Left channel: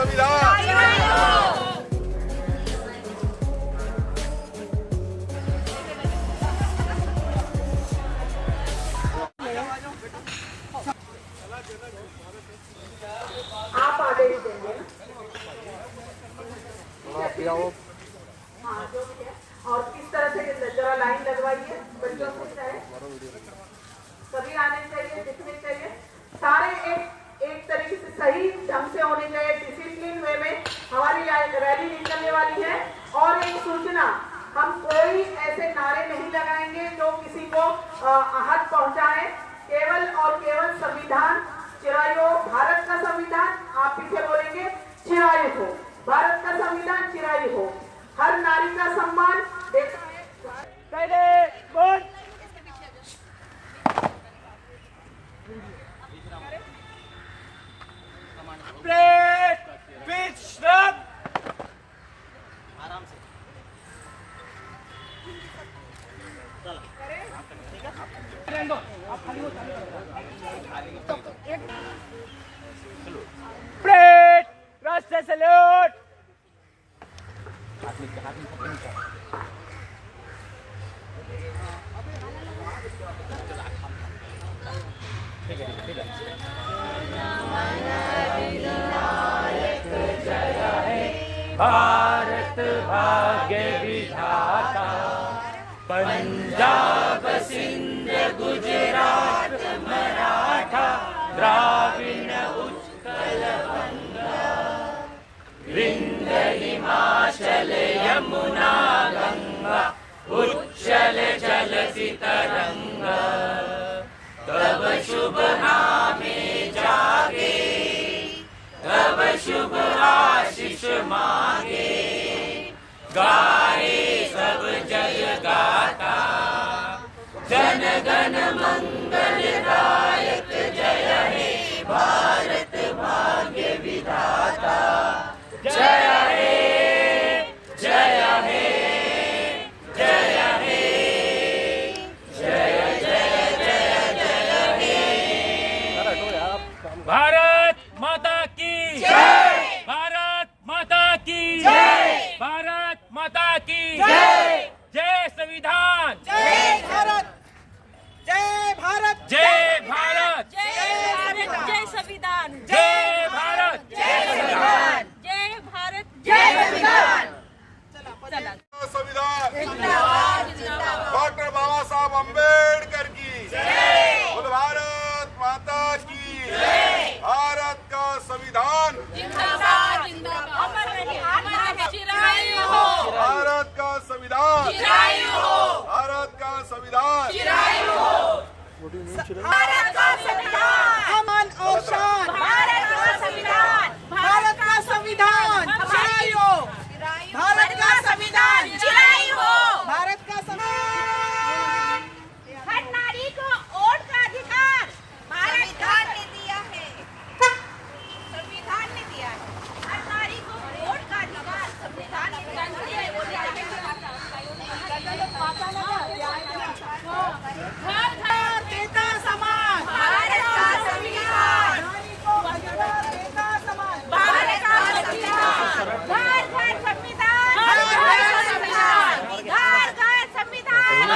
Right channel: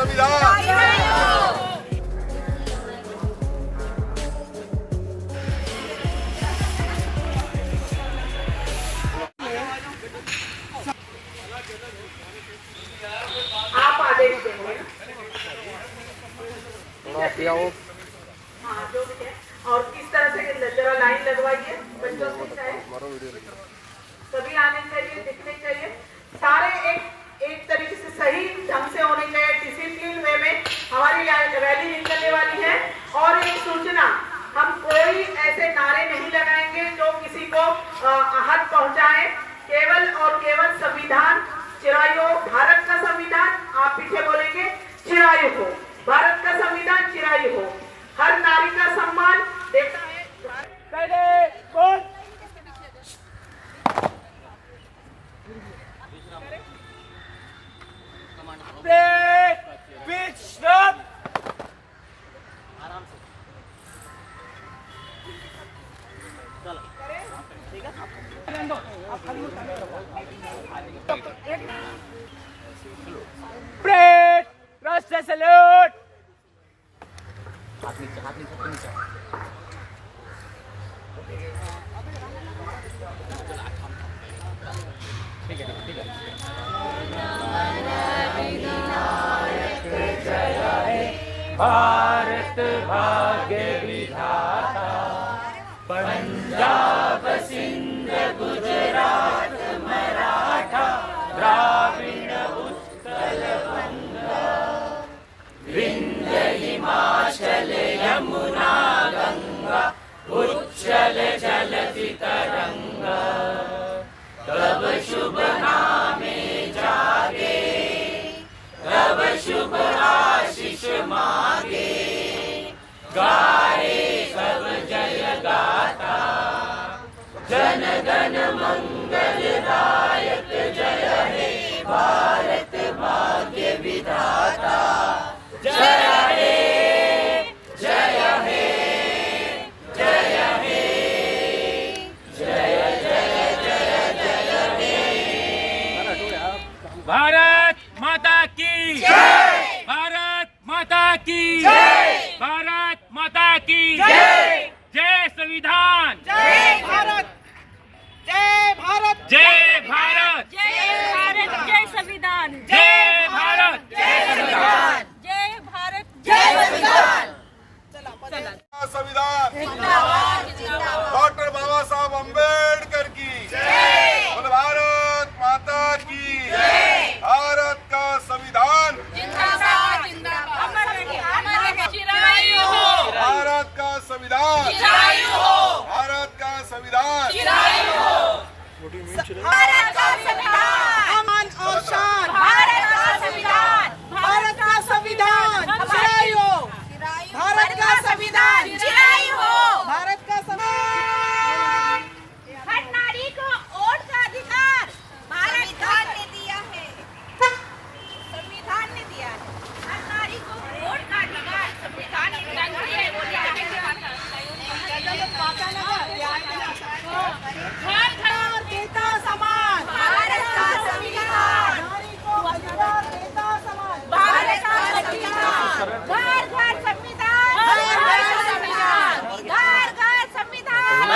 संविधान। आप आदेश देंगे जो भी है, और किस तरह से जरा लाइन लगवाइए। बच्चों से चाहे सभी आने चाहिए, दिखने चाहिए, सारे एक तरीके से सही ढंग से होने चाहिए। डिसिप्लिन वे में हमारी रैली निकलने वाली है। और एक सूचना, हम कोई ऐसे नारे नहीं लगाएंगे जो किसी को आहत पहुंचाए। केवल और केवल संविधान चिरायु हो, भारत का संविधान, आप पीछे बोलेंगे चिरायु हो, भारत का संविधान चिरायु हो, हर नारी का सम्मान देता है। राष्ट्र सैल्यूट। भारत भाग्य विधाता, पंजाब सिंध गुजरात मराठा द्राविड़ उत्कल बंगा, विंध्य हिमाचल यमुना गंगा, उच्चल जलति तरंगा, तब शुभ नामे जागे, तब शुभ आशीष मांगे, गाए सब जय गाता, जन गण मंगल दायक जय हे भारत भाग्य विधाता, जय हे जय हे जय हे जय जय जय जय हे। भारत माता की जय, भारत माता की जय, भारत माता की जय, जय संविधान, जय भारत, जय भारत, जय भारत, जय भारत, जय संविधान, जय भारत, जय संविधान, जय भारत, जय संविधान। संविधान जिंदाबाद, जिंदाबाद। डॉक्टर बाबा साहब अम्बेडकर की जय, बोल भारत माता की जय, भारत का संविधान, जिंदाबाद, जिंदाबाद। चिरायु हो, भारत का संविधान, चिरायु हो, भारत का संविधान, चिरायु हो, भारत का संविधान अमन और शान, भारत का संविधान, भारत का संविधान चिरायु हो, भारत का संविधान चिरायु हो, भारत का संविधान। हर नारी को वोट का अधिकार संविधान ने दिया है, संविधान ने दिया है। हर नारी को वोट का अधिकार संविधान ने दिया है। घर घर देता समान, भारत का संविधान, नारी को अधिकार देता समान, भारत का संविधान, घर घर संविधान, घर घर संविधान, घर घर संविधान, घर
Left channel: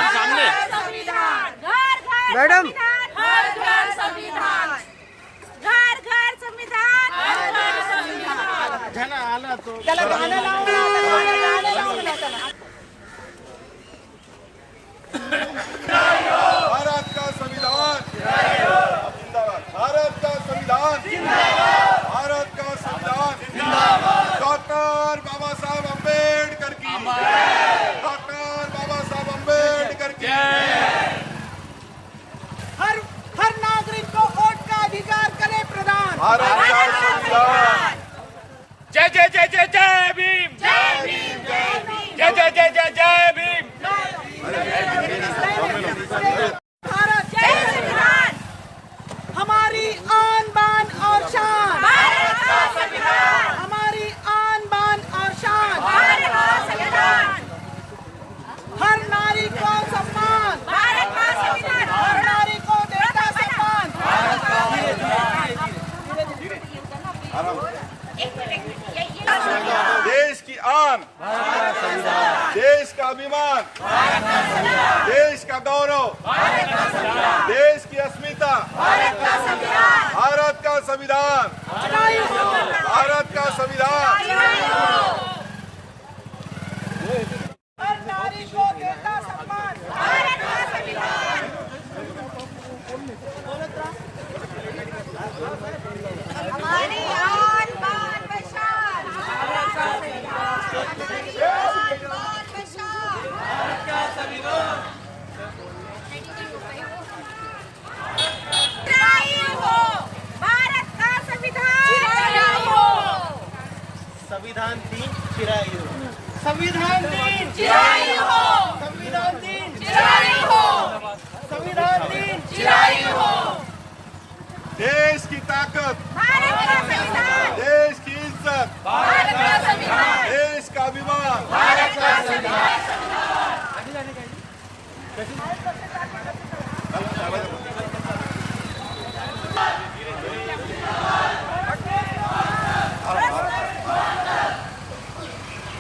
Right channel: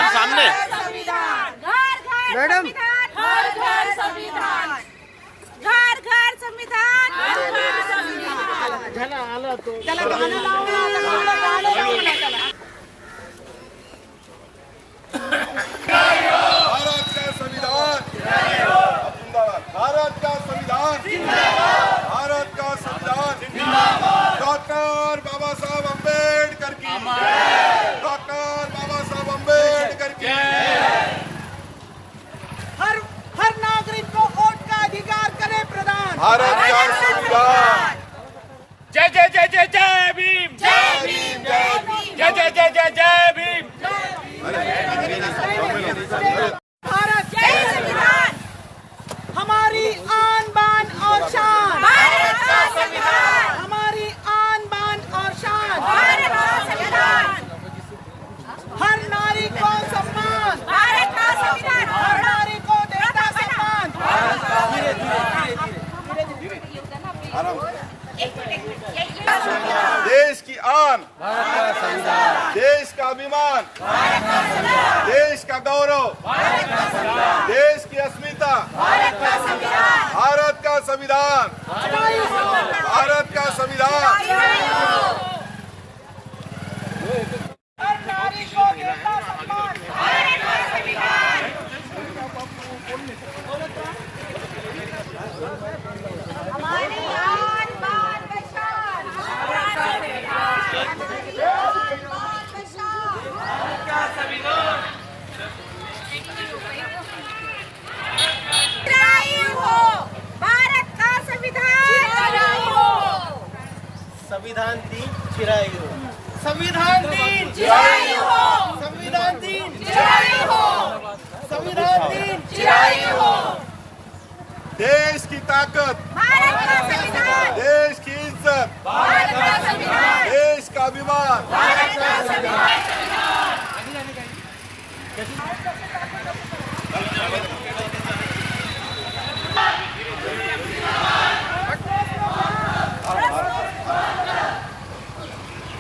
घर संविधान, घर घर मैडम, संविधान, घर घर संविधान, घर घर संविधान। घर घर संविधान। चला गाना लाओ ना, गाना लाओ ना, चला। भारत का संविधान जिंदाबाद, भारत का संविधान जिंदाबाद, भारत का संविधान जिंदाबाद, डॉक्टर बाबा साहब अम्बेडकर की, डॉक्टर बाबा साहब अम्बेडकर की। हर नागरिक को वोट का अधिकार करे प्रदान, भारत का संविधान, जय जय जय जय जय भीम, जय भीम, जय भीम, जय जय जय जय जय भीम। भारत जय संविधान, हमारी आन बान और शान, भारत का संविधान, हमारी आन बान और शान, भारत का संविधान, हर नारी को सम्मान, भारत का संविधान, हर नारी को देता सम्मान। एक देश की आन, देश का अभिमान, देश का गौरव, देश की अस्मिता, भारत का संविधान, भारत का संविधान। हर नारी को देता सम्मान, हमारी आन बान बशान, हमारी आन बान बशान। चिरायु हो भारत का संविधान, चिरायु हो संविधान दिन चिरायु संविधान दिन चिरायु हो संविधान दिन चिरायु हो संविधान दिन चिरायु हो। देश की ताकत, भारत का संविधान, देश की इज्जत, भारत का संविधान, देश का अभिमान। भारत का संविधान।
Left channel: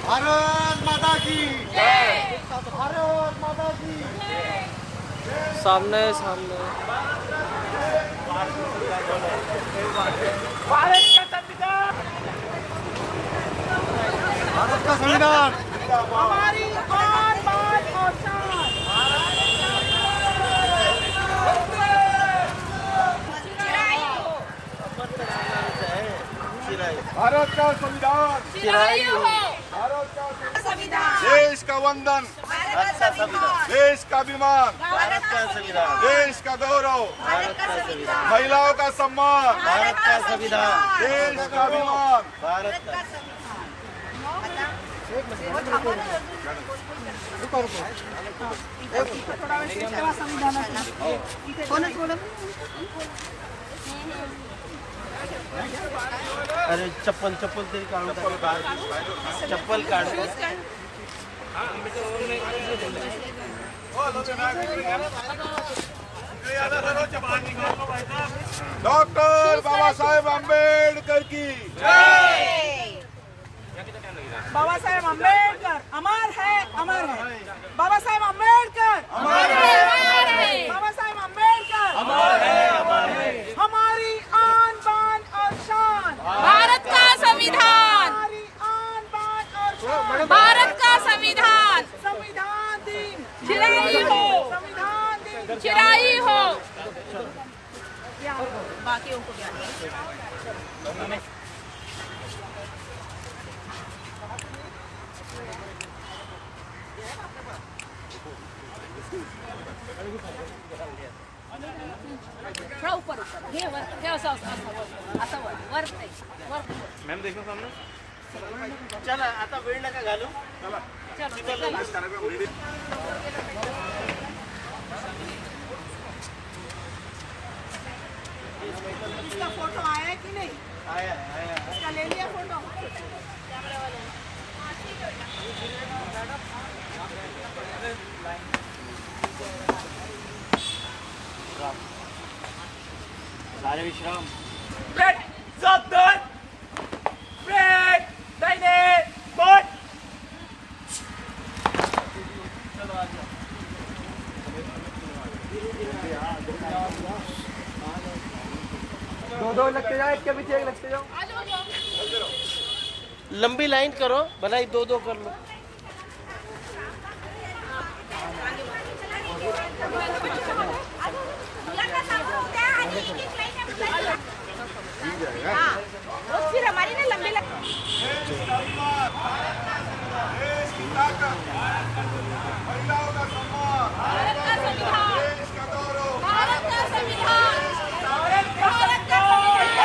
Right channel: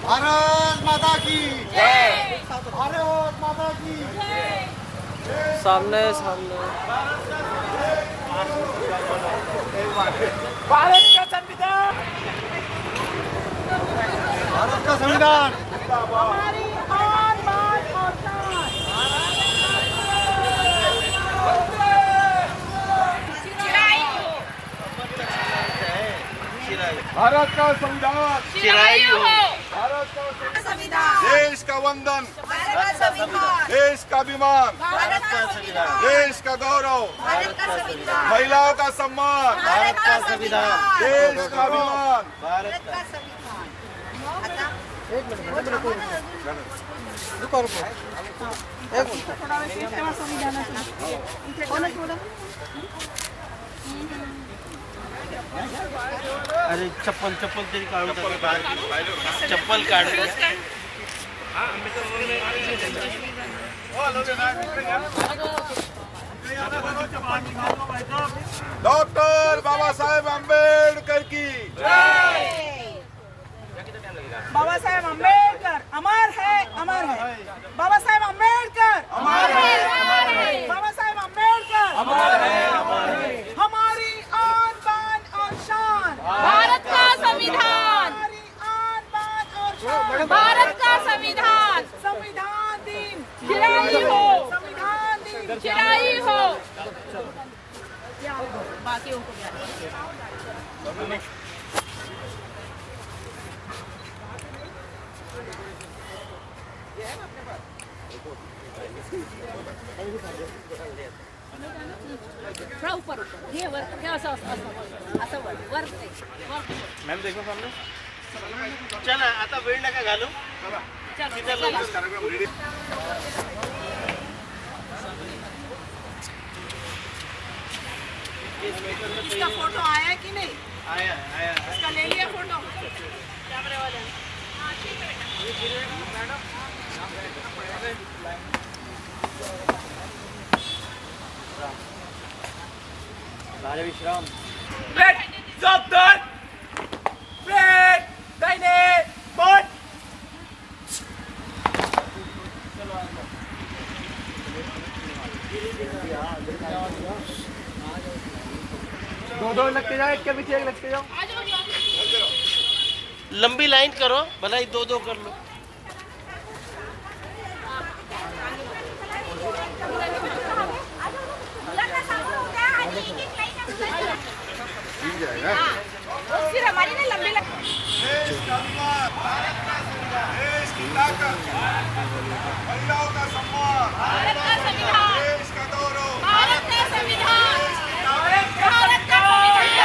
भारत माता की जय। भारत माता की सामने सामने भारत का संविधान हमारी आन बान और शान। चिरायु हो भारत का संविधान, चिरायु हो भारत का संविधान, देश का वंदन, भारत का संविधान, देश का अभिमान, भारत का संविधान, देश का गौरव, भारत का संविधान, महिलाओं का सम्मान, भारत का संविधान, देश का अभिमान। भारत का संविधान। थोडा वेळ शेष ठेवा संविधानासोबत. इथे थोडं अरे चप्पल चप्पल तरी काढून टाका. चप्पल काढ डॉक्टर बाबासाहेब आंबेडकर की बाबा साहेब आंबेडकर अमर है बाबा साहेब आंबेडकर बाबा साहेब आंबेडकर हमारी आन बान और शान, भारत का संविधान, हमारी आन बान और शान। भारत का संविधान, संविधान दिन चिरायु हो संविधान दिन चिरायु हो। बाकियों को भी थोडा ऊपर हे वर हे असं असं वर चला आता वेळ नका घालू. इसका फोटो आया कि नहीं? आया आया इसका ले लिया फोटो? बारे विश्राम. सावधान ब्रेक दाहिने बोट दो लगते जाओ, इसके पीछे एक लगते जाओ. लंबी लाइन करो, भला ही दो दो कर लो. मुलांना समोर होऊ द्या आणि एक लाईन आहे मुलांची. हां फिर हमारी ना लंबी देश का अभिमान, देश की ताकत, महिलाओं का सम्मान, भारत का संविधान, देश का गौरव, भारत का संविधान, भारत का संविधान,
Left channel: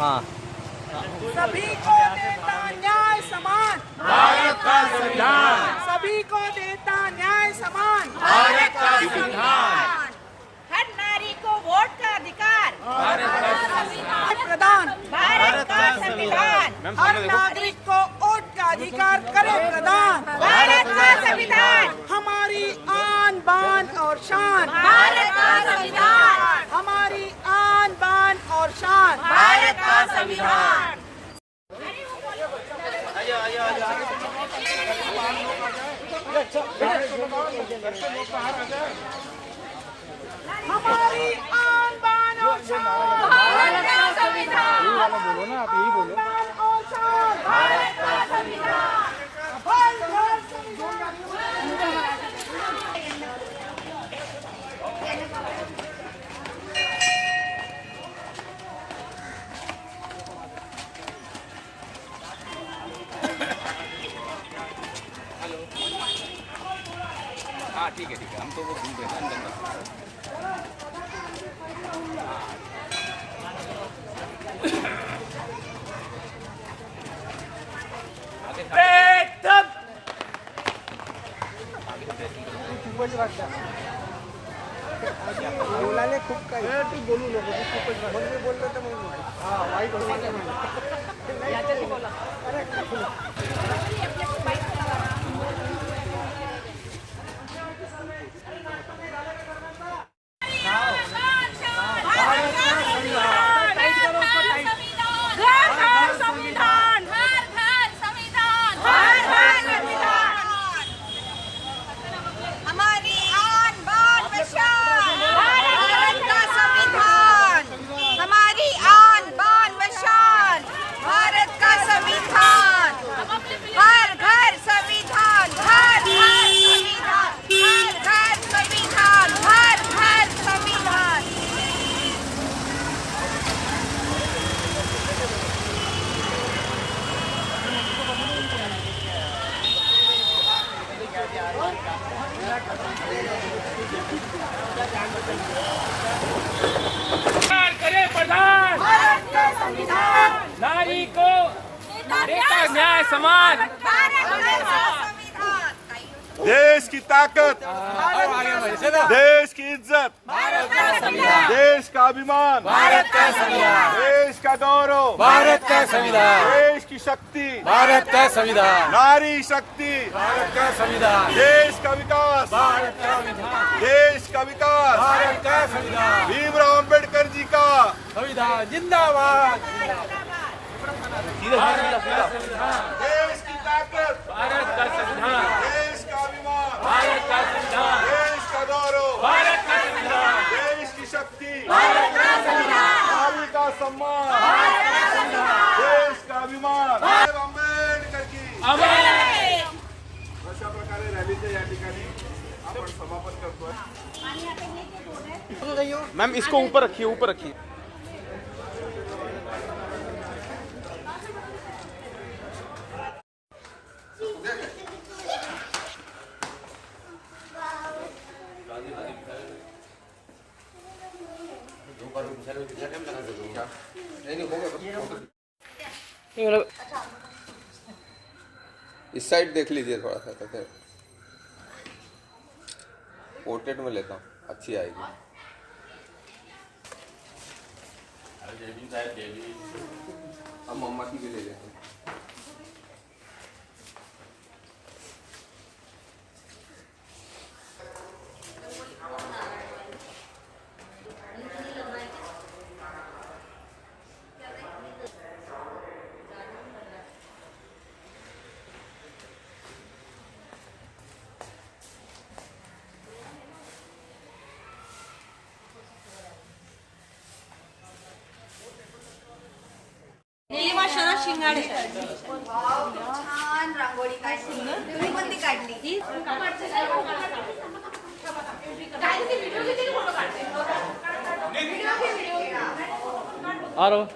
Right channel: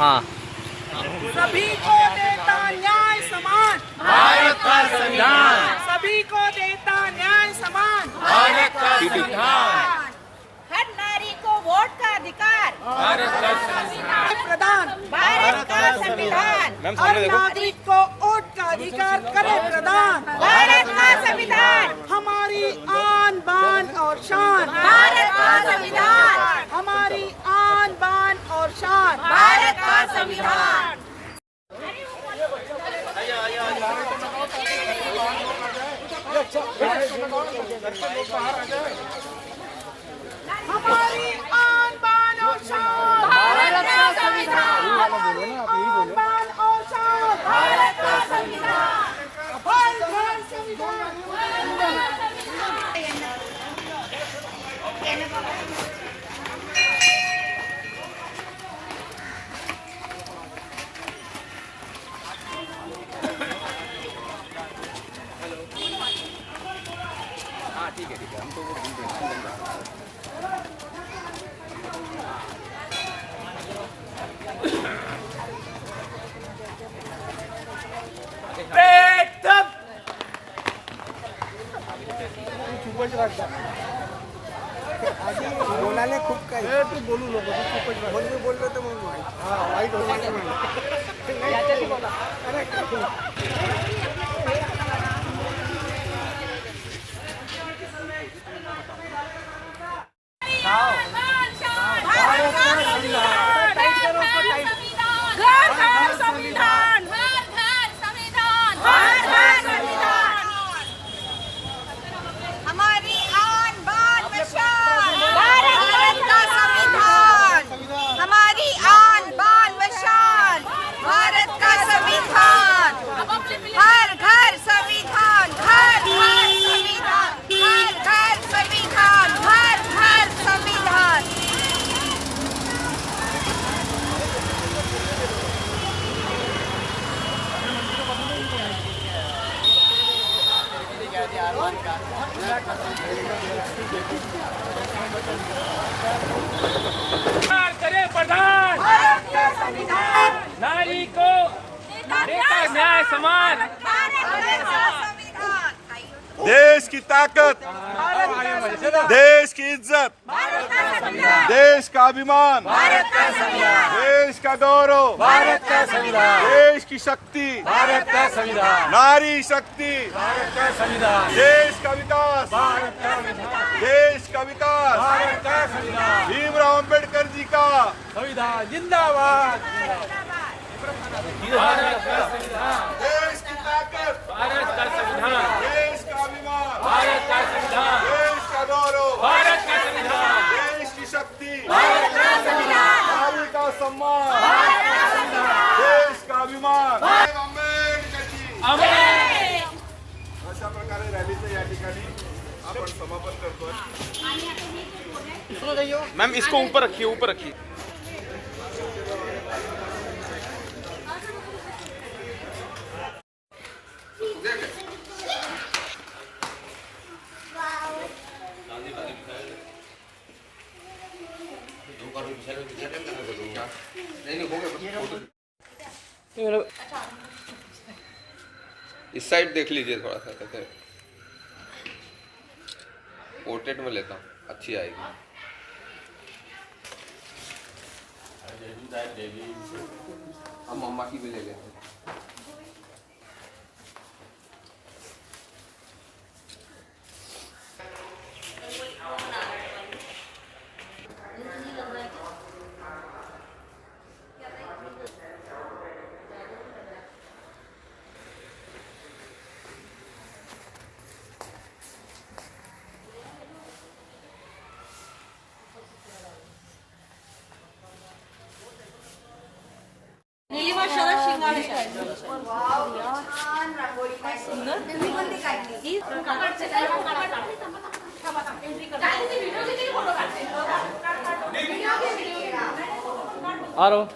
हाँ. सभी को देता न्याय समान, भारत का संविधान सभी को देता न्याय समान, भारत का संविधान। हर नारी को वोट का अधिकार, प्रदान भारत का संविधान हर नागरिक को वोट का अधिकार करे प्रदान भारत का संविधान हमारी आन बान और शान भारत का संविधान हमारी आन बान और शान भारत का संविधान हमारी आन बान और शान भारत का संविधान बोलो ना आप यही बोलो बान और शान भारत का संविधान हर घर संविधान बोलायला खूप काही तू बोलू नको तू खूपच मी बोललो तर म्हणून नाही वाईट संविधान हर घर संविधान हर घर संविधान हमारी आन बान व शान भारत का संविधान हमारी आन बान व शान भारत का संविधान हर घर संविधान हर घर संविधान हर घर संविधान हर घर संविधान करे प्रधान भारत का संविधान नारी को बेटा न्याय समान भारत का संविधान देश की ताकत, देश की इज्जत, भारत का संविधान देश का अभिमान, भारत का संविधान देश का गौरव, भारत का संविधान देश की शक्ति, भारत का संविधान नारी शक्ति, भारत का संविधान देश का विकास, भारत का संविधान देश का विकास, भारत का संविधान भीमराव अंबेडकर जी का संविधान जिंदाबाद भारत का संविधान देश की ताकत, भारत का संविधान देश का अभिमान, भारत का संविधान देश का गौरव, भारत का संविधान देश की शक्ती, भारत का संविधान नारी का सम्मान, भारत का संविधान देश का अभिमान, साहेब आंबेडकर जी. अमर अशा प्रकारे रॅलीचं या ठिकाणी आपण समापन करतोय. मैम इसको ऊपर रखिए ऊपर रखिए इस साइड देख लीजिए थोड़ा सा कैसे पोर्ट्रेट में लेता हूँ अच्छी आएगी हम मम्मा की भी ले लेते हैं निलिमा शरद शिंगाडे छान रांगोळी काढली तुम्ही पण ती काढली आ रहा हूँ